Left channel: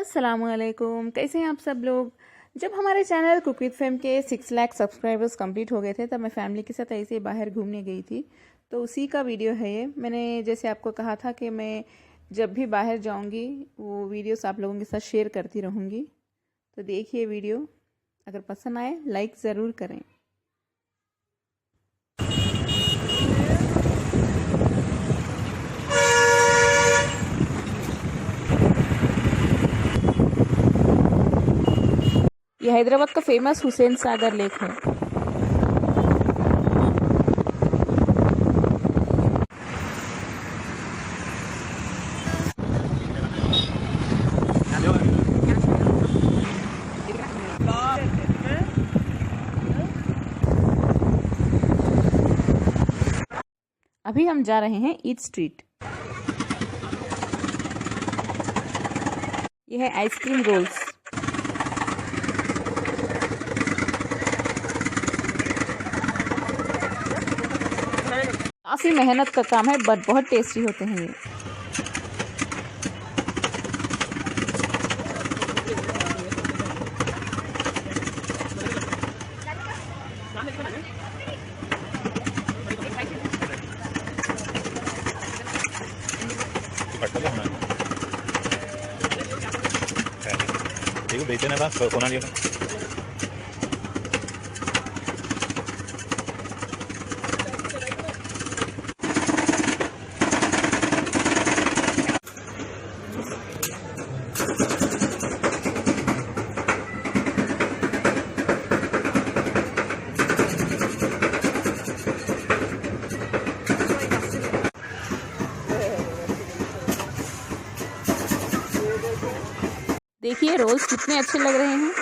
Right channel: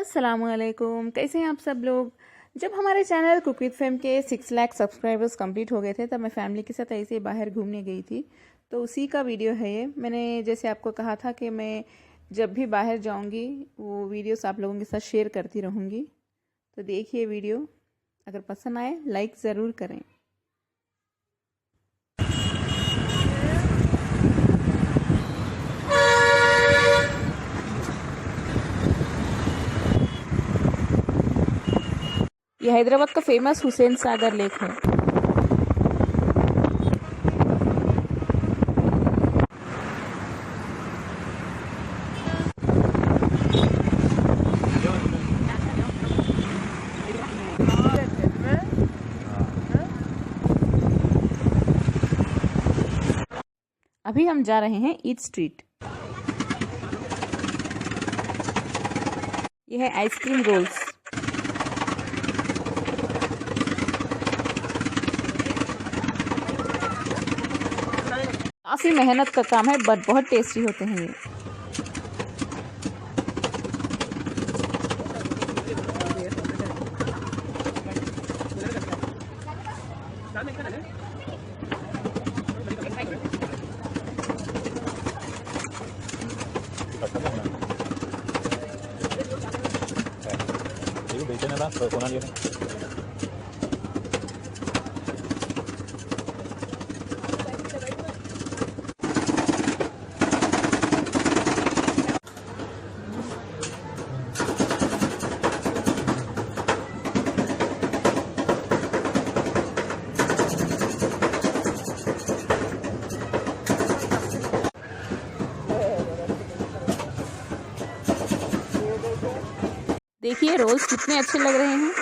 अस्सलामुअलैकुम, कैसे हैं आप सब लोग। जब हमारे चैनल कुक विद फेम के 6 लाख सब्सक्राइबर्स कंप्लीट हो गए थे तब मैं फैमिली के साथ ऐसे ही बाहर घूमने गई थी। तो उसी का वीडियो है ये। मैंने जैसे आपको कहा था कि मैं जब भी बाहर जाऊंगी वो वीडियोस आप लोगों के साथ शेयर करती रहूंगी। तो देखिए वीडियो, अगर पसंद आए लाइक ज़रूर करें। ये हैदराबाद का फेमस हुसैन सागर लेक है। अभी हम जा रहे हैं ईट स्ट्रीट। यह है आइसक्रीम रोल्स। काफ़ी मेहनत का काम है बट बहुत टेस्टी होते हैं ये। देखिए रोल्स कितने अच्छे लग रहे हैं।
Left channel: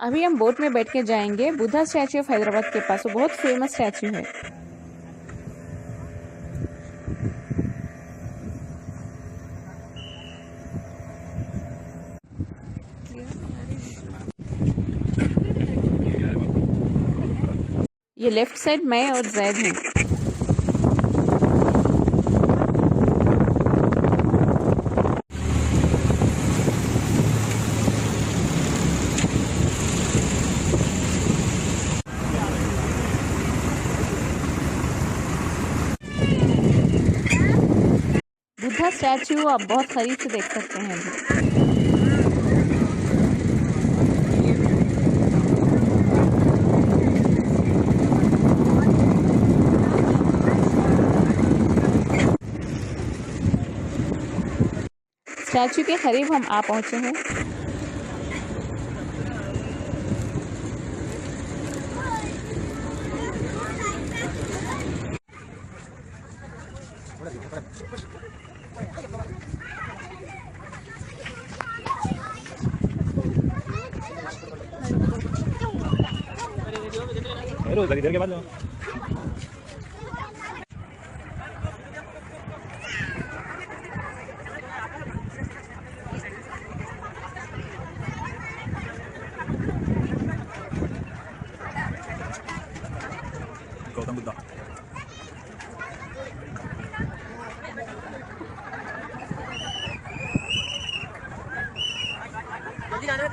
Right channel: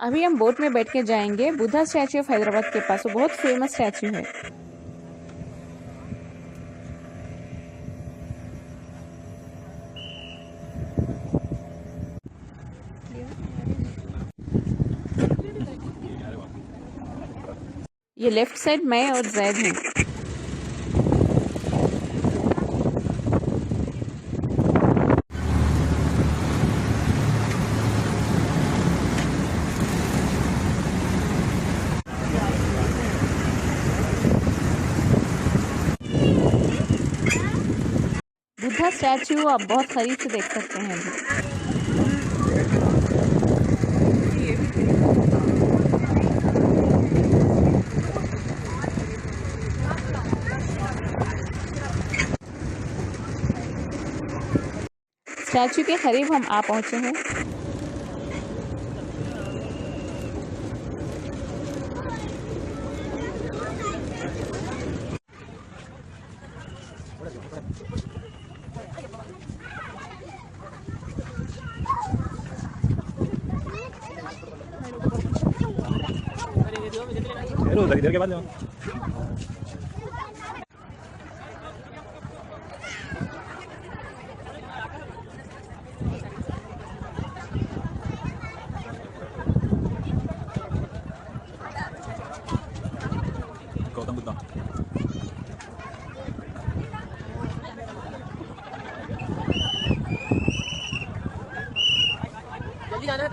अभी हम बोट में बैठ के जाएंगे बुद्धा स्टैचू ऑफ हैदराबाद के पास। वो बहुत फेमस स्टैचू है। ये लेफ्ट साइड मैं और जैद हूँ। बुद्धा स्टैचू आप बहुत करीब से देख सकते हैं। स्टैचू के करीब हम आ पहुंचे हैं। इधर के बाद गौतम बुद्धा। जल्दी जाना है।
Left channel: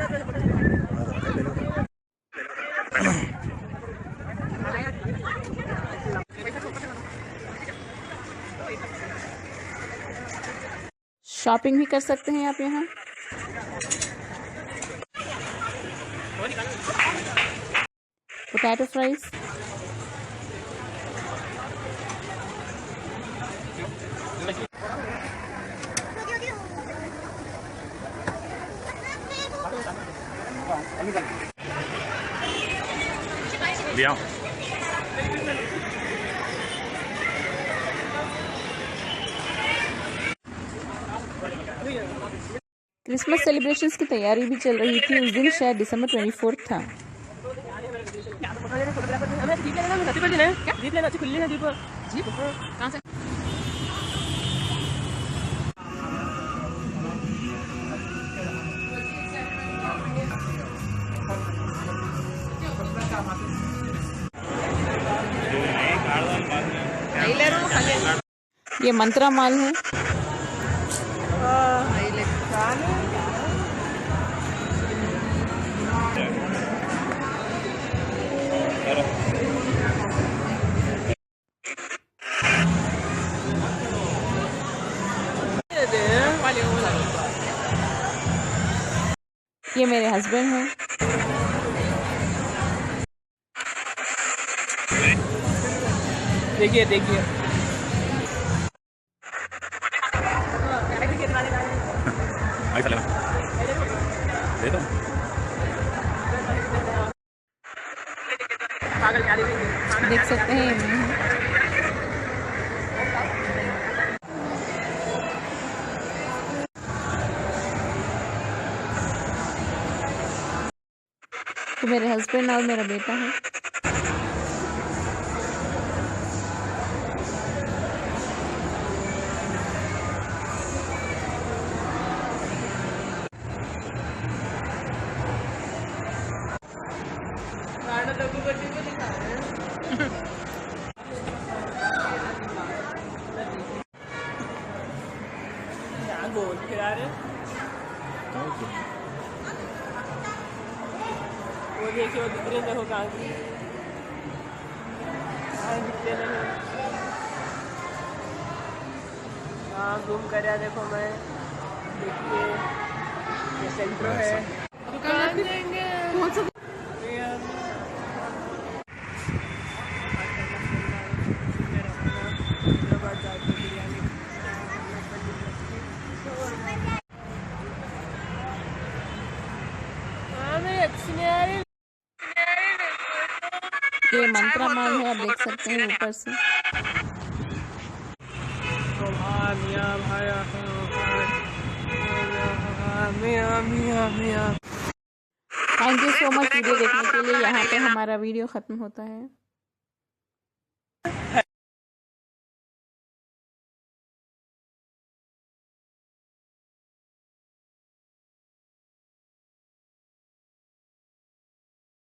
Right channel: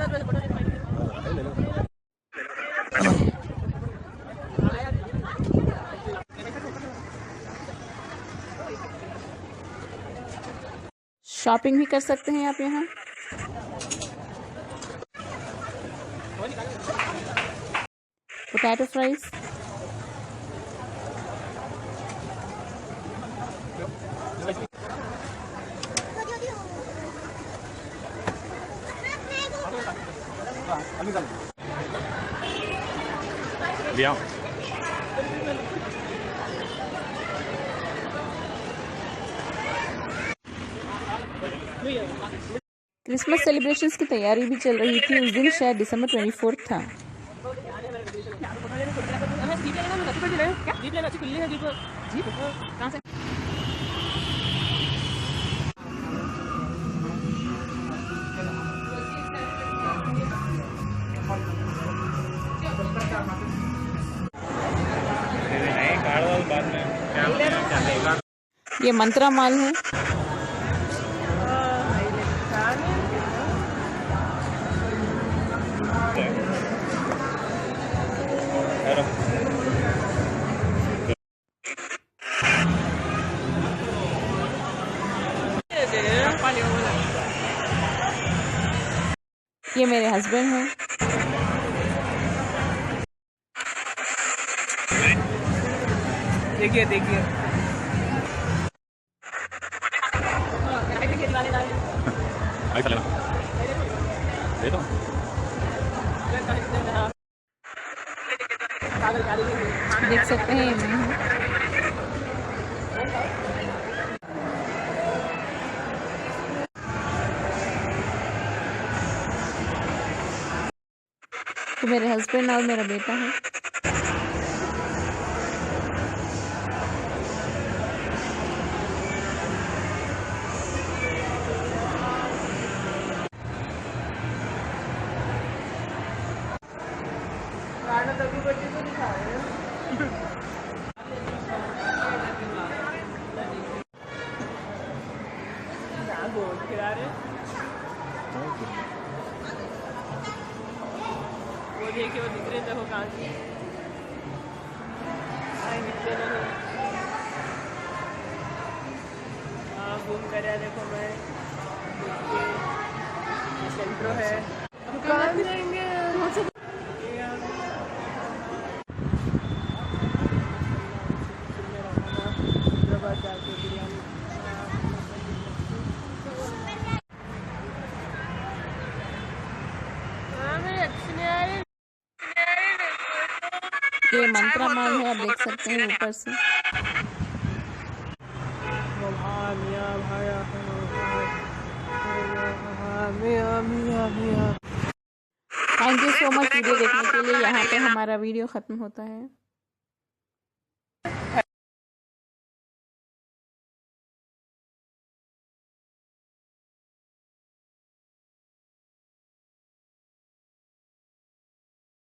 शॉपिंग भी कर सकते हैं आप यहाँ। पोटैटो फ्राइज, लिया क्रिसमस सेलिब्रेशंस की तैयारी भी चल रही थी। उस दिन शायद दिसंबर 24 था। ये मंत्रा माल है। ये मेरे हस्बैंड हैं। देखिए देखिए आई लेना दे दो। देख सकते हैं मैं हूँ। तो मेरे हस्बैंड और मेरा बेटा है। वो देखिए वो दिख रहे देखो कहाँ की हाँ जूम कर देखो मैं देखिए सेंटर है दुकान देंगे ये मंत्रा माल है, आप देख सकते हैं ऊपर से। Thank you so much video देखने के लिए। यहाँ पे हमारा वीडियो ख़त्म होता है।